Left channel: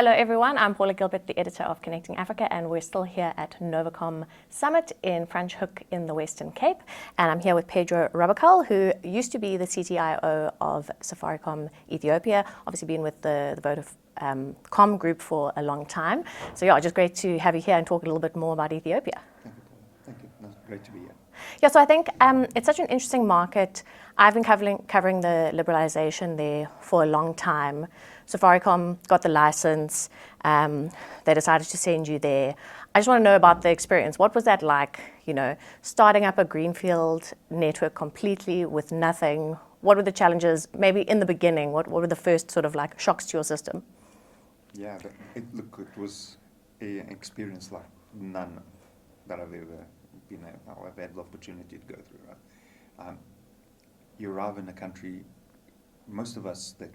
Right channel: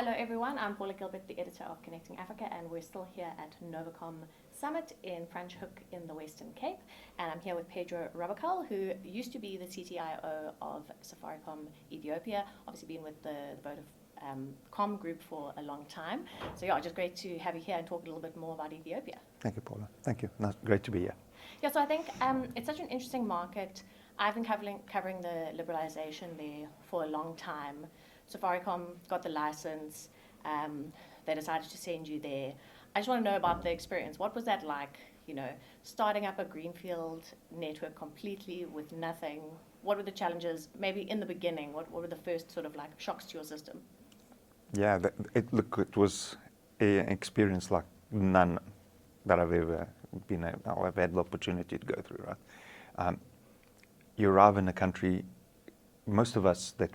Hello everyone, I'm Paula Gilbert, the editor of Connecting Africa, and we're still here at NOVACOM Summit in Franschhoek in the Western Cape. And I'm here with Pedro Rabacal, who used to be the CTIO of Safaricom Ethiopia, obviously been with the Vodacom group for a long time. So yeah, just great to have you here and talk a little bit more about Ethiopia. Thank you, Paula. Thank you. No, great to be here. Yeah, so I think it's such an interesting market. I've been covering the liberalization there for a long time. Safaricom got the license. They decided to send you there. I just want to know about the experience. What was that like, starting up a greenfield network completely with nothing? What were the challenges, maybe in the beginning? What were the first sort of like shocks to your system? Yeah, it was an experience like none that I've ever I've had the opportunity to go through, right? You arrive in a country, most of us that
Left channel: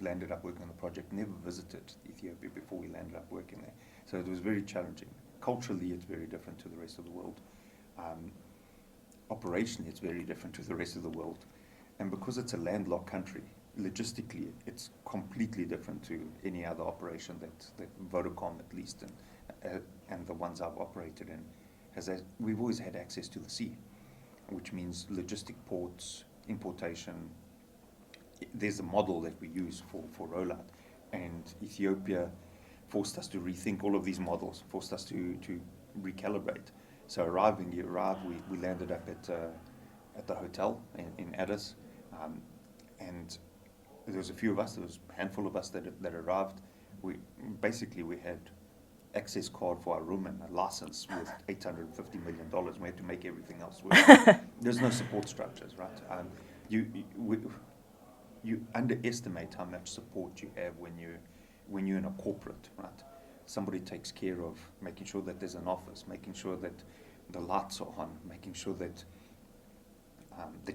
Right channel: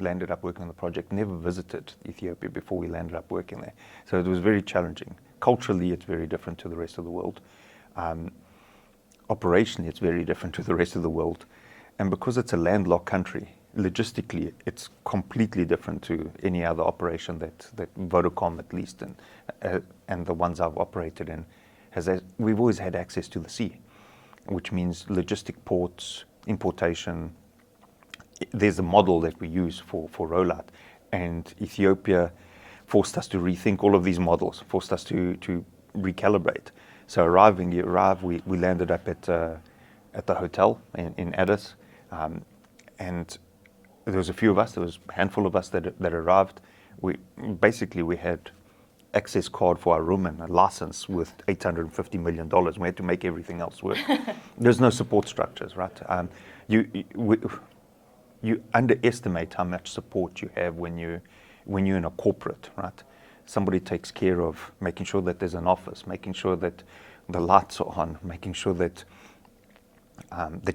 landed up working on the project never visited Ethiopia before we landed up working there. So it was very challenging. Culturally, it's very different to the rest of the world. Operationally, it's very different to the rest of the world. And because it's a landlocked country, logistically, it's completely different to any other operation that Vodacom, at least, and the ones I've operated in, we've always had access to the sea, which means logistic ports, importation. There's a model that we use for rollout, and Ethiopia forced us to rethink all of these models, forced us to recalibrate. So we landed up at the hotel in Addis, and there was a few of us, there was a handful of us that arrived. We had access card for our room and a license with $850 million. We had to make everything else work. There's no support structures, right? You underestimate how much support you have when you're in a corporate, right? Somebody takes care of making sure that there's an office, making sure that the lights are on, making sure that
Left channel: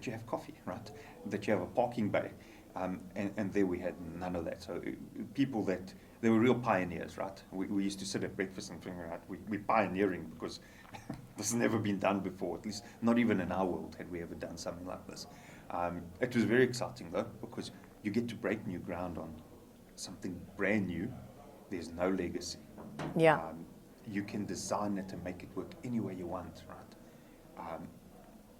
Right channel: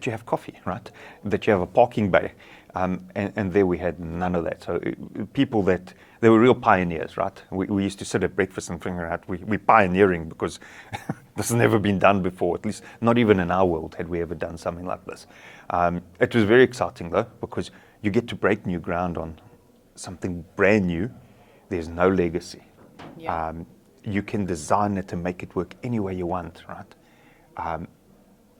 you have coffee, right? That you have a parking bay. And there we had none of that. So they were real pioneers, right? We used to sit at breakfast and figure out we're pioneering because this has never been done before, at least not even in our world had we ever done something like this. It was very exciting though, because you get to break new ground on something brand new. There's no legacy. Yeah. You can design it and make it work any way you want, right?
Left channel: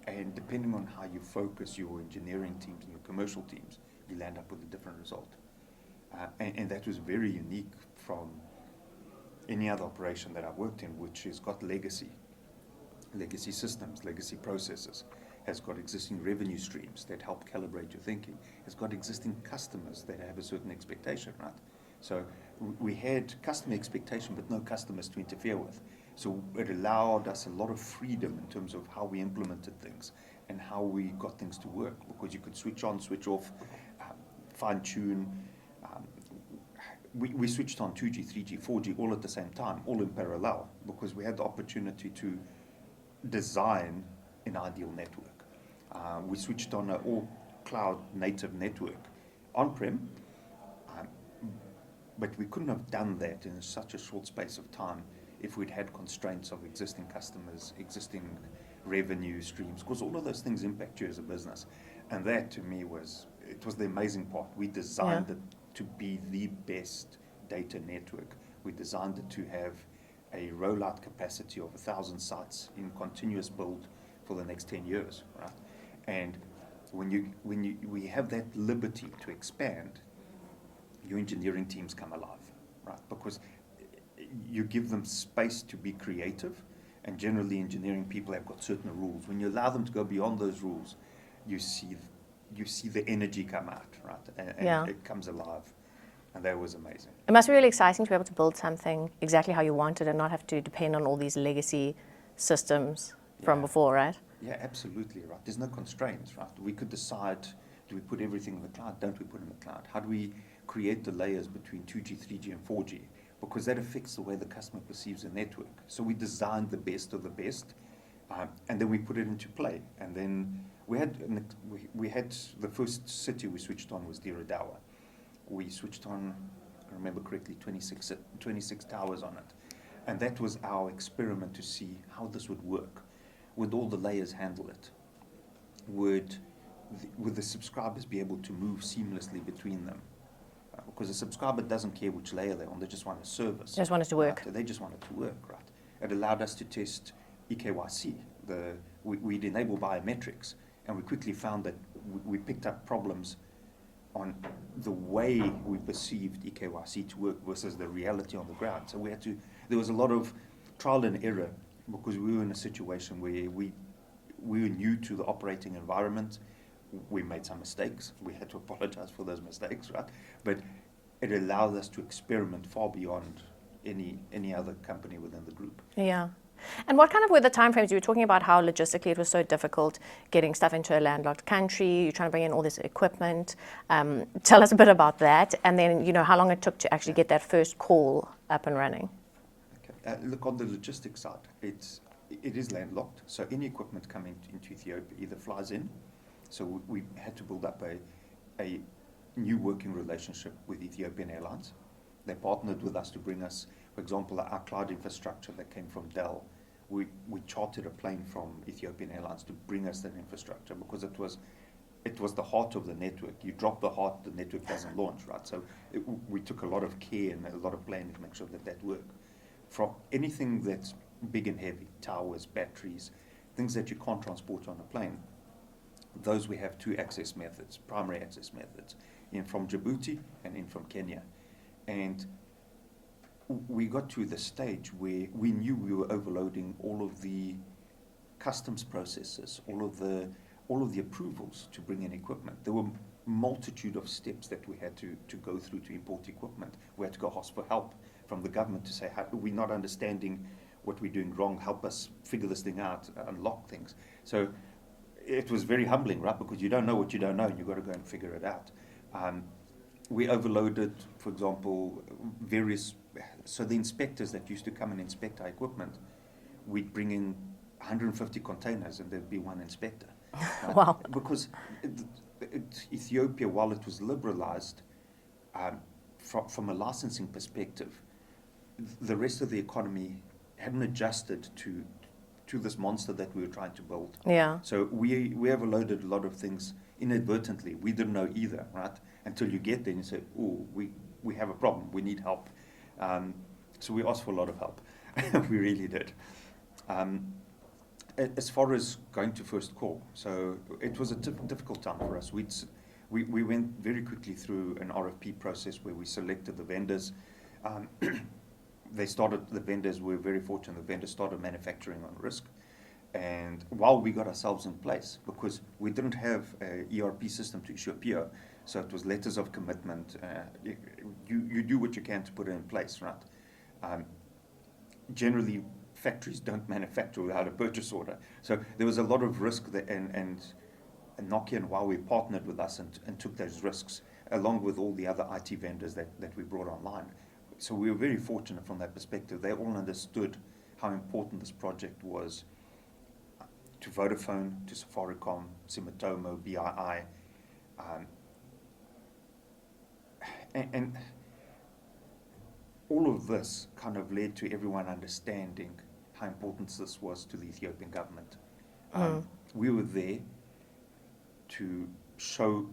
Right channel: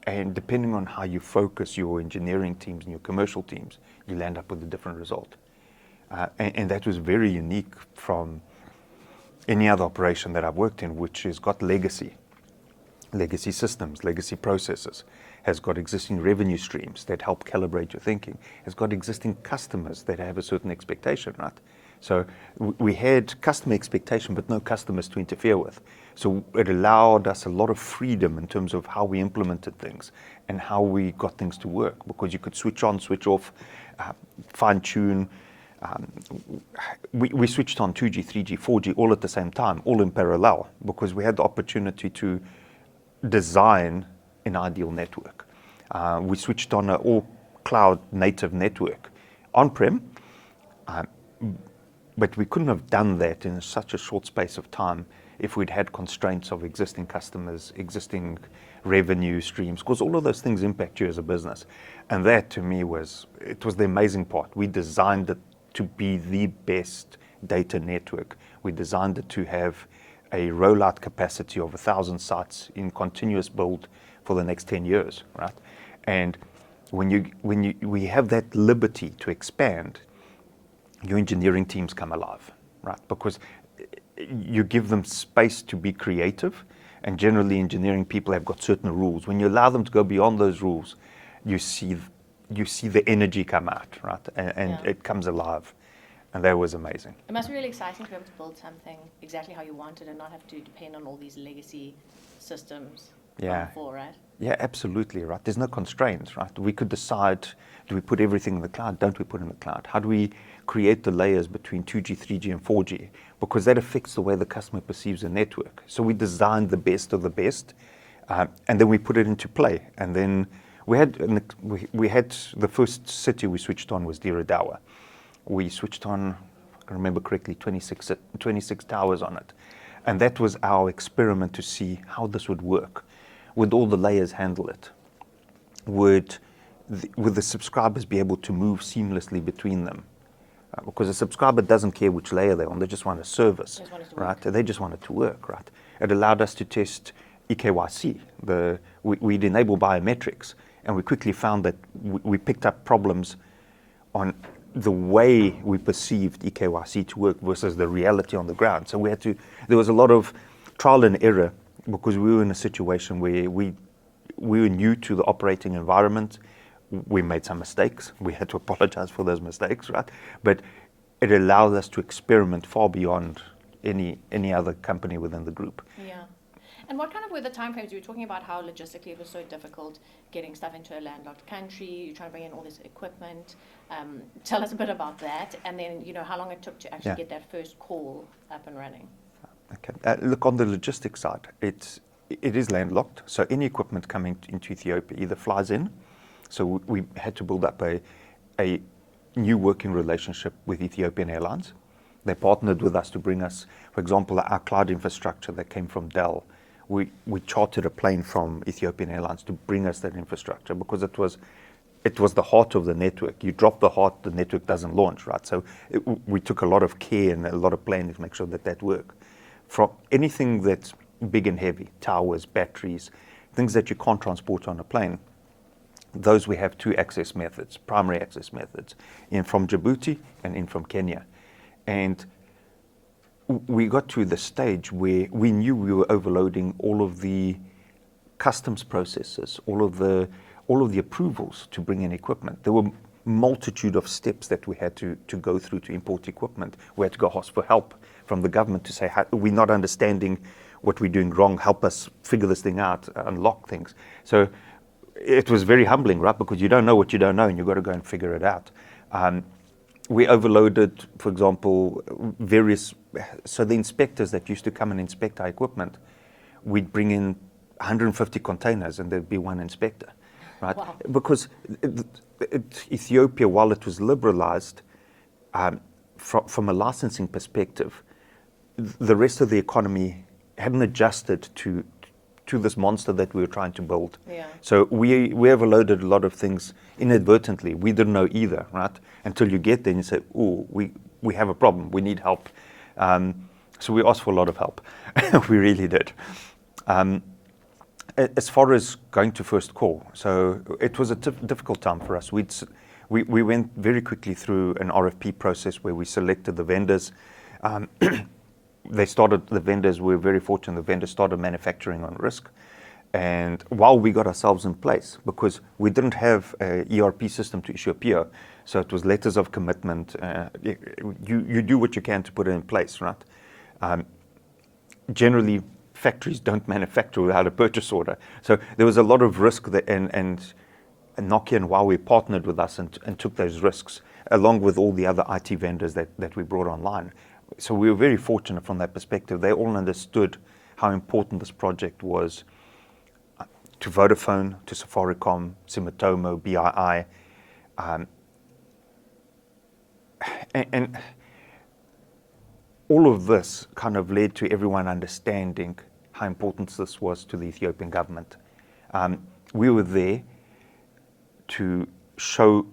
And depending on how you focus your engineering teams and your commercial teams, you'll end up with a different result. And that was very unique from any other operation that I've worked in, which has got legacy systems, legacy processes, has got existing revenue streams that help calibrate your thinking, has got existing customers that have a certain expectation, right? So we had customer expectation, but no customers to interfere with. So it allowed us a lot of freedom in terms of how we implemented things and how we got things to work, because you could switch on, switch off, fine tune. We switched on 2G, 3G, 4G all at the same time, all in parallel, because we had the opportunity to design an ideal network. We switched on an all cloud native network on-prem, but we couldn't have done that in such a short space of time if we'd had constraints of existing customers, existing revenue streams, because all of those things impact you as a business. And that to me was the amazing part. We designed it to be the best data network. We designed it to have a rollout capacity of 1,000 sites in continuous build for the next 10 years, right? And we have that liberty to expand, your engineering teams come alive, right? Because you give them space to be creative, and generally engineering people have got certain rules. When you allow them to go beyond those rules, you see the energy come out, right? And it comes alive. And that was amazing. It must be really exciting to be able to build something exactly how you wanted and not have to depend on all these legacy systems from before, right? Yeah, absolutely, right? There's no constraints, right? We could decide, do we put everything in the cloud? Don't we put it in the cloud? How do we create the layers between 2G, 3G, and 4G? Because that affects the way the customer perceives a network. So we designed the best of the best, and then we put it into play. And then we had the first city we switched on was Diradawa. We switched on, if I remember correctly, 26 towers on it. And that was our experiment to see how this would work. Would all the layers handle it? Would the subscribers be able to move seamlessly between them? because a subscriber doesn't care which layer they're on, they just want a service. They just want it to work. Right? They just want it to work, right? It allowed us to test EKYC. We'd enable biometrics, and we quickly found that we picked up problems on the way we perceived EKYC to work versus the reality on the ground. So there was a lot of trial and error because we were in a situation where we were new to the operating environment. We made some mistakes. We had to apologize for those mistakes, right? But it allowed us to experiment far beyond any other company within the group. Yeah. And what kind of were the timeframes? You were talking about how logistically it was so difficult getting stuff into a landlocked country. You're trying to bring in all this equipment. Tell us a bit about that. And then, how long it took to actually get that first call up and running. Okay. Look, on the logistics side, it is landlocked. So any equipment coming into Ethiopia either flies in. So we had to build up a new working relationship with Ethiopian Airlines. They partnered with us to bring us, for example, our cloud infrastructure that came from Dell. We chartered a plane from Ethiopian Airlines to bring us that infrastructure because it was the heart of the network. You drop the heart, the network doesn't launch, right? So we took a lot of care and a lot of planning to make sure that worked. From anything that's big and heavy, towers, batteries, things that you can't transport on a plane, those we have two access methods, primary access methods, in from Djibouti and in from Kenya. And we got to the stage where we knew we were overloading all of the customs processes, all of the approvals to bring in equipment. There were multitude of steps that we had to go through to import equipment. We had to go ask for help from the government to say, we're not understanding what we're doing wrong, help us figure this thing out, unlock things. So it was very humbling, right? Because you don't know what you don't know and you've got to go and figure it out. We overloaded, for example, so the inspectors that used to come and inspect our equipment, we'd bring in 150 containers and there'd be one inspector, right? Wow. Because Ethiopia, while it was liberalized, from a licensing perspective, the rest of the economy hadn't adjusted to this monster that we were trying to build. Yeah. So we overloaded a lot of things inadvertently. We didn't know either, right? Until you get there and you say, oh, we have a problem, we need help. So we asked for a lot of help. We really did. As far as going to first call, so it was a difficult time for us. We went very quickly through an RFP process where we selected the vendors. The vendors, we were very fortunate, the vendors started manufacturing on risk. And while we got ourselves in place, because we didn't have an ERP system to issue a PO, so it was letters of commitment. You do what you can to put it in place, right? Generally, factories don't manufacture without a purchase order. So there was a lot of risk that, and Nokia and Huawei partnered with us and took those risks, along with all the other IT vendors that we brought online. So we were very fortunate from that perspective. They all understood how important this project was to Vodafone, to Safaricom, Sumitomo, BII. And all of this kind of led to everyone understanding how important this was to the Ethiopian government. We were there to show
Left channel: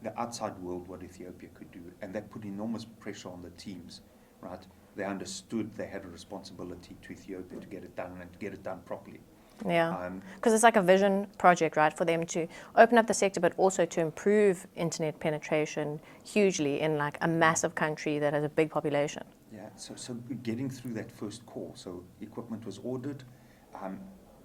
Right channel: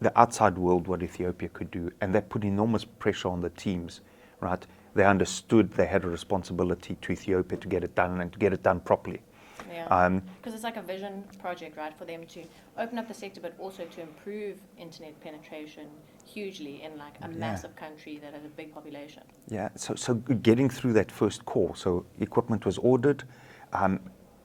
the outside world what Ethiopia could do, and that put enormous pressure on the teams, right? They understood they had a responsibility to Ethiopia to get it done and to get it done properly. Yeah, because it's like a vision project, right, for them to open up the sector, but also to improve internet penetration hugely in like a massive country that has a big population. Yeah, so getting through that first call, so equipment was ordered,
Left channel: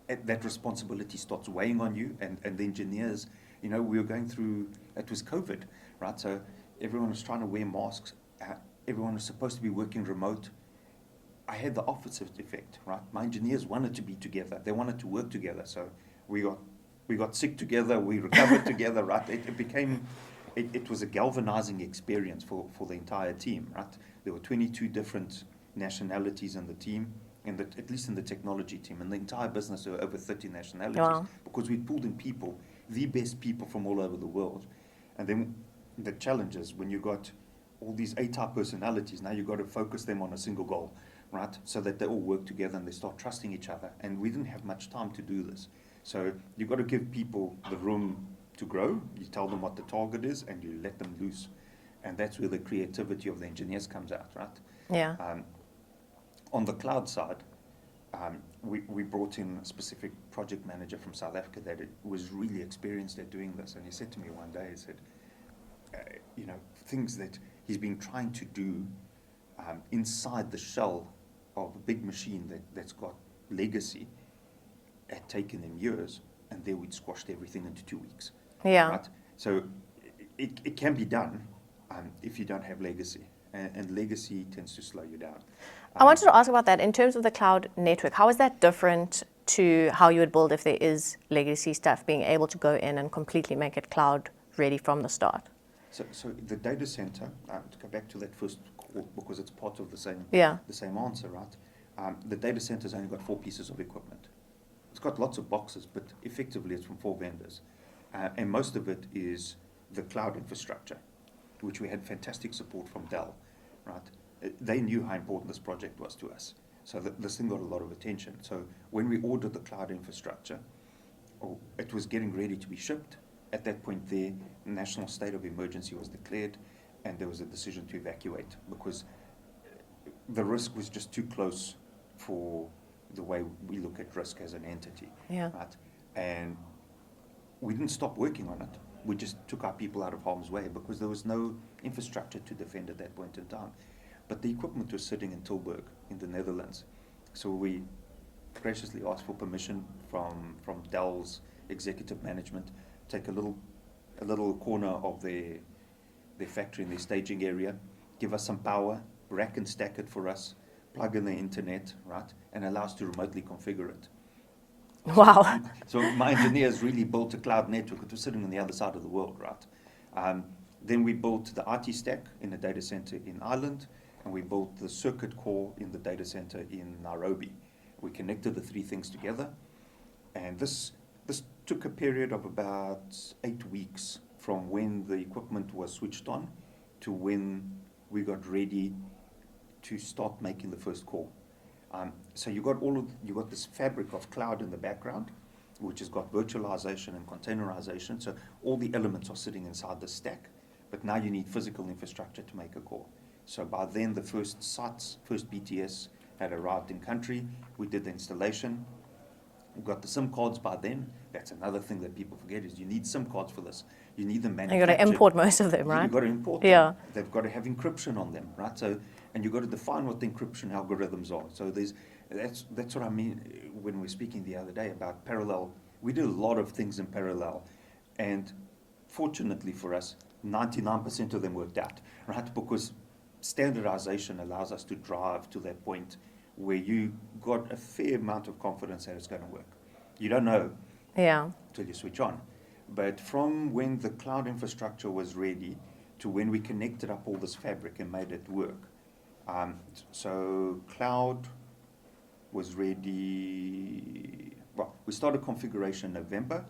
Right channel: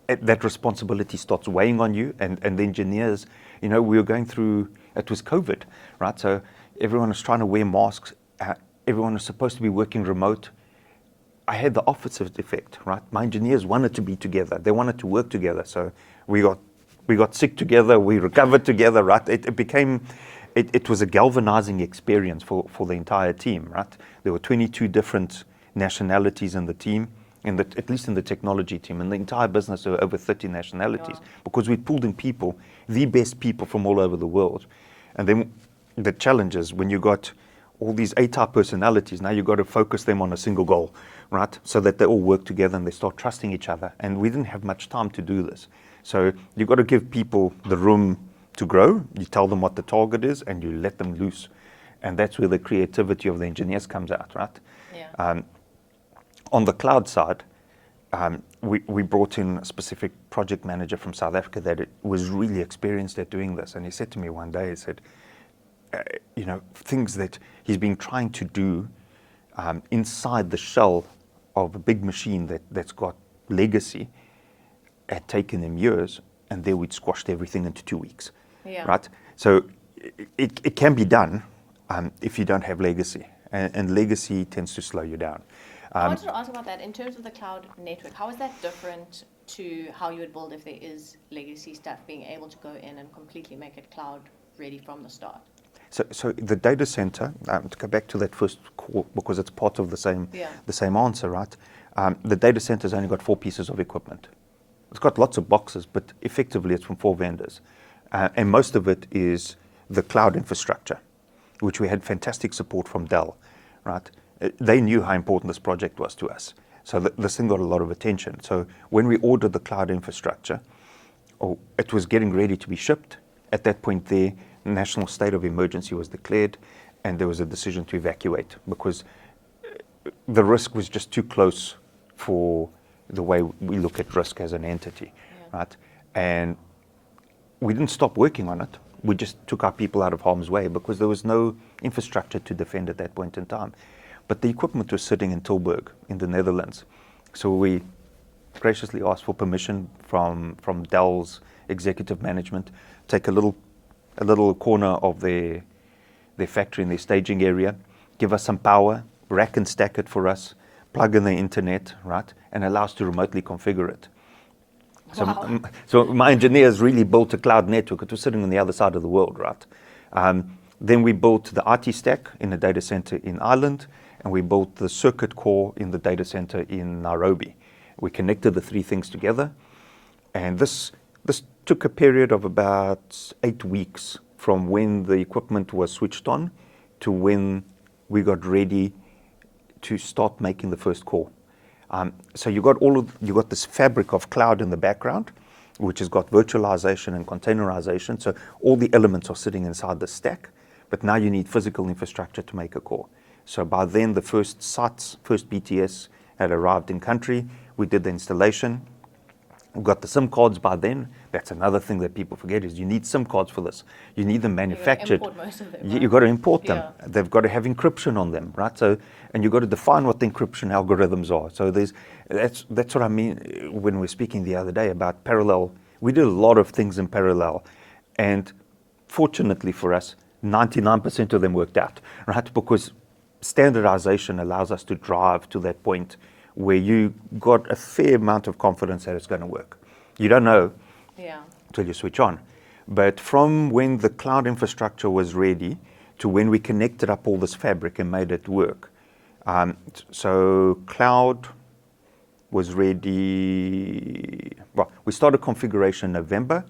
that responsibility starts weighing on you, and the engineers, we were going through, it was COVID, right? So everyone was trying to wear masks, everyone was supposed to be working remote. I had the opposite effect, right? My engineers wanted to be together. They wanted to work together. So we got sick together. We recovered together, right? It was a galvanizing experience for the entire team, right? There were 22 different nationalities in the team, at least in the technology team. In the entire business, there were over 30 nationalities. Wow. Because we pulled in people, the best people from all over the world. And then the challenge is when you got all these A-type personalities, now you've got to focus them on a single goal, right? So that they all work together and they start trusting each other. And we didn't have much time to do this. So you've got to give people the room to grow. You tell them what the target is and you let them loose. And that's where the creativity of the engineers comes out, right? Yeah. On the cloud side, we brought in a specific project manager from South Africa that was really experienced at doing this. And he said to me one day, he said, things that he's been trying to do inside the shell of a big machine that's got legacy had taken him years, and there we'd squashed everything into 2 weeks. Yeah. Right? So it can be done if you don't have legacy, and legacy tends to slow you down. I wanted to ask about that. In terms of the cloud network, how is that different to how you would build if there is legacy stuff, being able to go in and completely make it cloud ready from the start? So the data center, to go back to that first call, because it's part of the same answer, right? The data center's only got 4 pieces of equipment. It's got lots of boxes, but effectively it's from 4 vendors. And most of it is the cloud infrastructure, which we had fantastic support from Dell, right? They knew how important this project was to us. So this thing got a lot of attention. So when we ordered the cloud infrastructure, it was getting ready to be shipped. At that point there, national state of emergency was declared, and there was a decision to evacuate because the risk was just too close for the way we look at risk as an entity, right? And we didn't stop working on it. We just took our people out of harm's way because there was no infrastructure to defend at that point in time. But the equipment was sitting in Tilburg in the Netherlands. So we graciously asked for permission from Dell's executive management, take a little corner of their factory in their staging area, give us some power, rack and stack it for us, plug in the internet, right, and allow us to remotely configure it. Wow. So my engineers really built a cloud network. It was sitting on the other side of the world, right? Then we built the IT stack in a data center in Ireland, and we built the circuit core in the data center in Nairobi. We connected the 3 things together, and this took a period of about 8 weeks from when the equipment was switched on to when we got ready to start making the first core. So you got this fabric of cloud in the background, which has got virtualization and containerization. So all the elements are sitting inside the stack, but now you need physical infrastructure to make a core. So by then, the first sites, first BTS had arrived in country. We did the installation. We got the SIM cards by then. That's another thing that people forget is you need SIM cards for this. You need them manufactured. You've got to import most of them, right? You've got to import them. Yeah. They've got to have encryption on them, right? So, and you've got to define what the encryption algorithms are. So that's what I mean when we were speaking the other day about parallel. We did a lot of things in parallel. And fortunately for us, 99% of them worked out, right? Because standardization allows us to drive to that point where you got a fair amount of confidence that it's going to work. You don't know until you switch on. But from when the cloud infrastructure was ready to when we connected up all this fabric and made it work. So cloud was ready, well, we started configuration in November.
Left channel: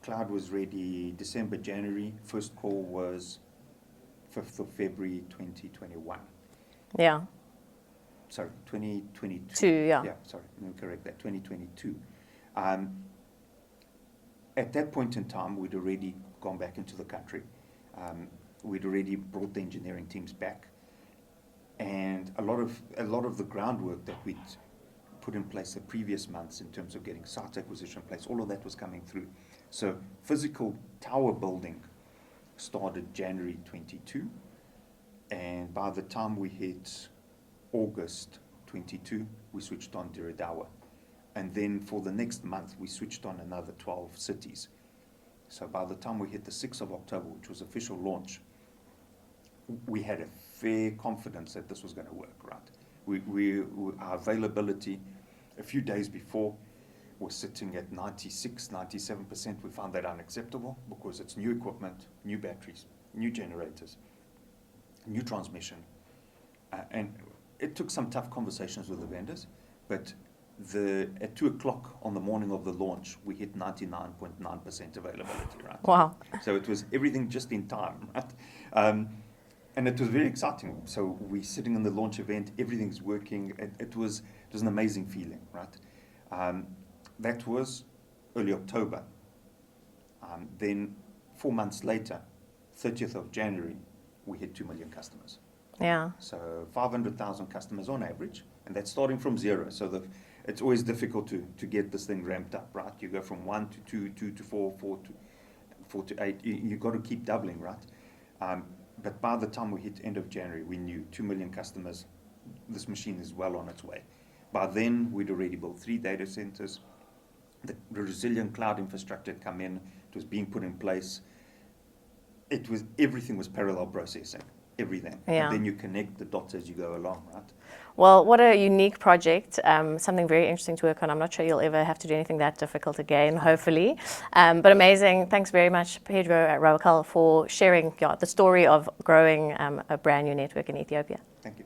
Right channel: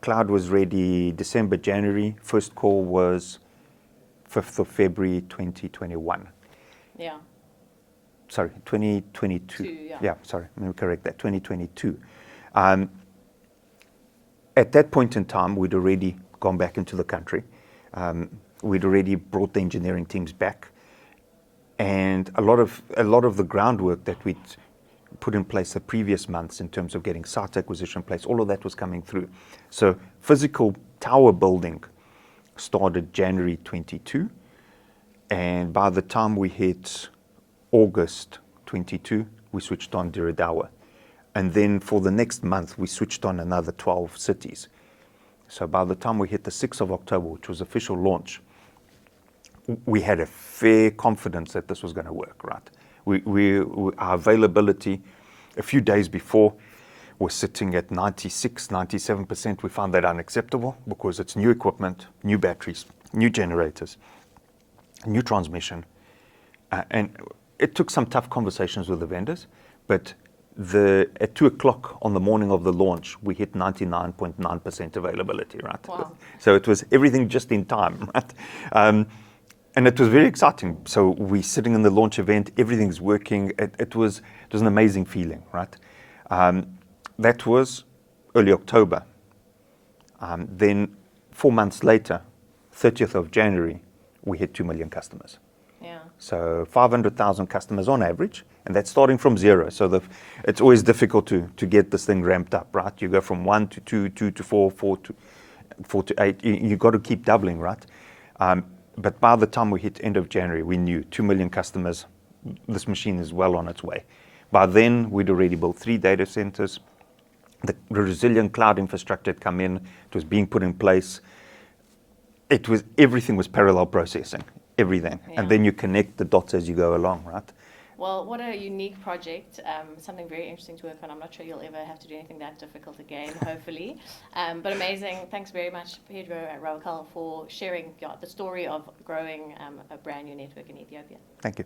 Cloud was ready December, January. First call was 5th of February 2021. Yeah. Sorry, 2022. Yeah, sorry, let me correct that, 2022. At that point in time, we'd already gone back into the country. We'd already brought the engineering teams back. And a lot of the groundwork that we'd put in place the previous months in terms of getting site acquisition in place, all of that was coming through. So physical tower building started January 22. And by the time we hit August 22, we switched on Diradawa. And then for the next month, we switched on another 12 cities. So by the time we hit the 6th of October, which was official launch, we had a fair confidence that this was going to work, right? Our availability a few days before was sitting at 96, 97%. We found that unacceptable because it's new equipment, new batteries, new generators, new transmission. And it took some tough conversations with the vendors, but at 2 o'clock on the morning of the launch, we hit 99.9% availability, right? Wow. So it was everything just in time, right? And it was very exciting. So we're sitting in the launch event, everything's working. It was an amazing feeling, right? That was early October. Then 4 months later, 30th of January, we hit 2 million customers. Yeah. So 500,000 customers on average, and that's starting from zero. So it's always difficult to get this thing ramped up, right? You go from 1 to 2, 2 to 4, 4 to 8. You've got to keep doubling, right? But by the time we hit end of January, we knew 2 million customers, this machine is well on its way. By then, we'd already built 3 data centers. The resilient cloud infrastructure had come in. It was being put in place. Everything was parallel processing, everything. Yeah. And then you connect the dots as you go along, right? Well, what a unique project, something very interesting to work on. I'm not sure you'll ever have to do anything that difficult again, hopefully. But amazing. Thanks very much, Pedro Rabacal, for sharing the story of growing a brand new network in Ethiopia. Thank you.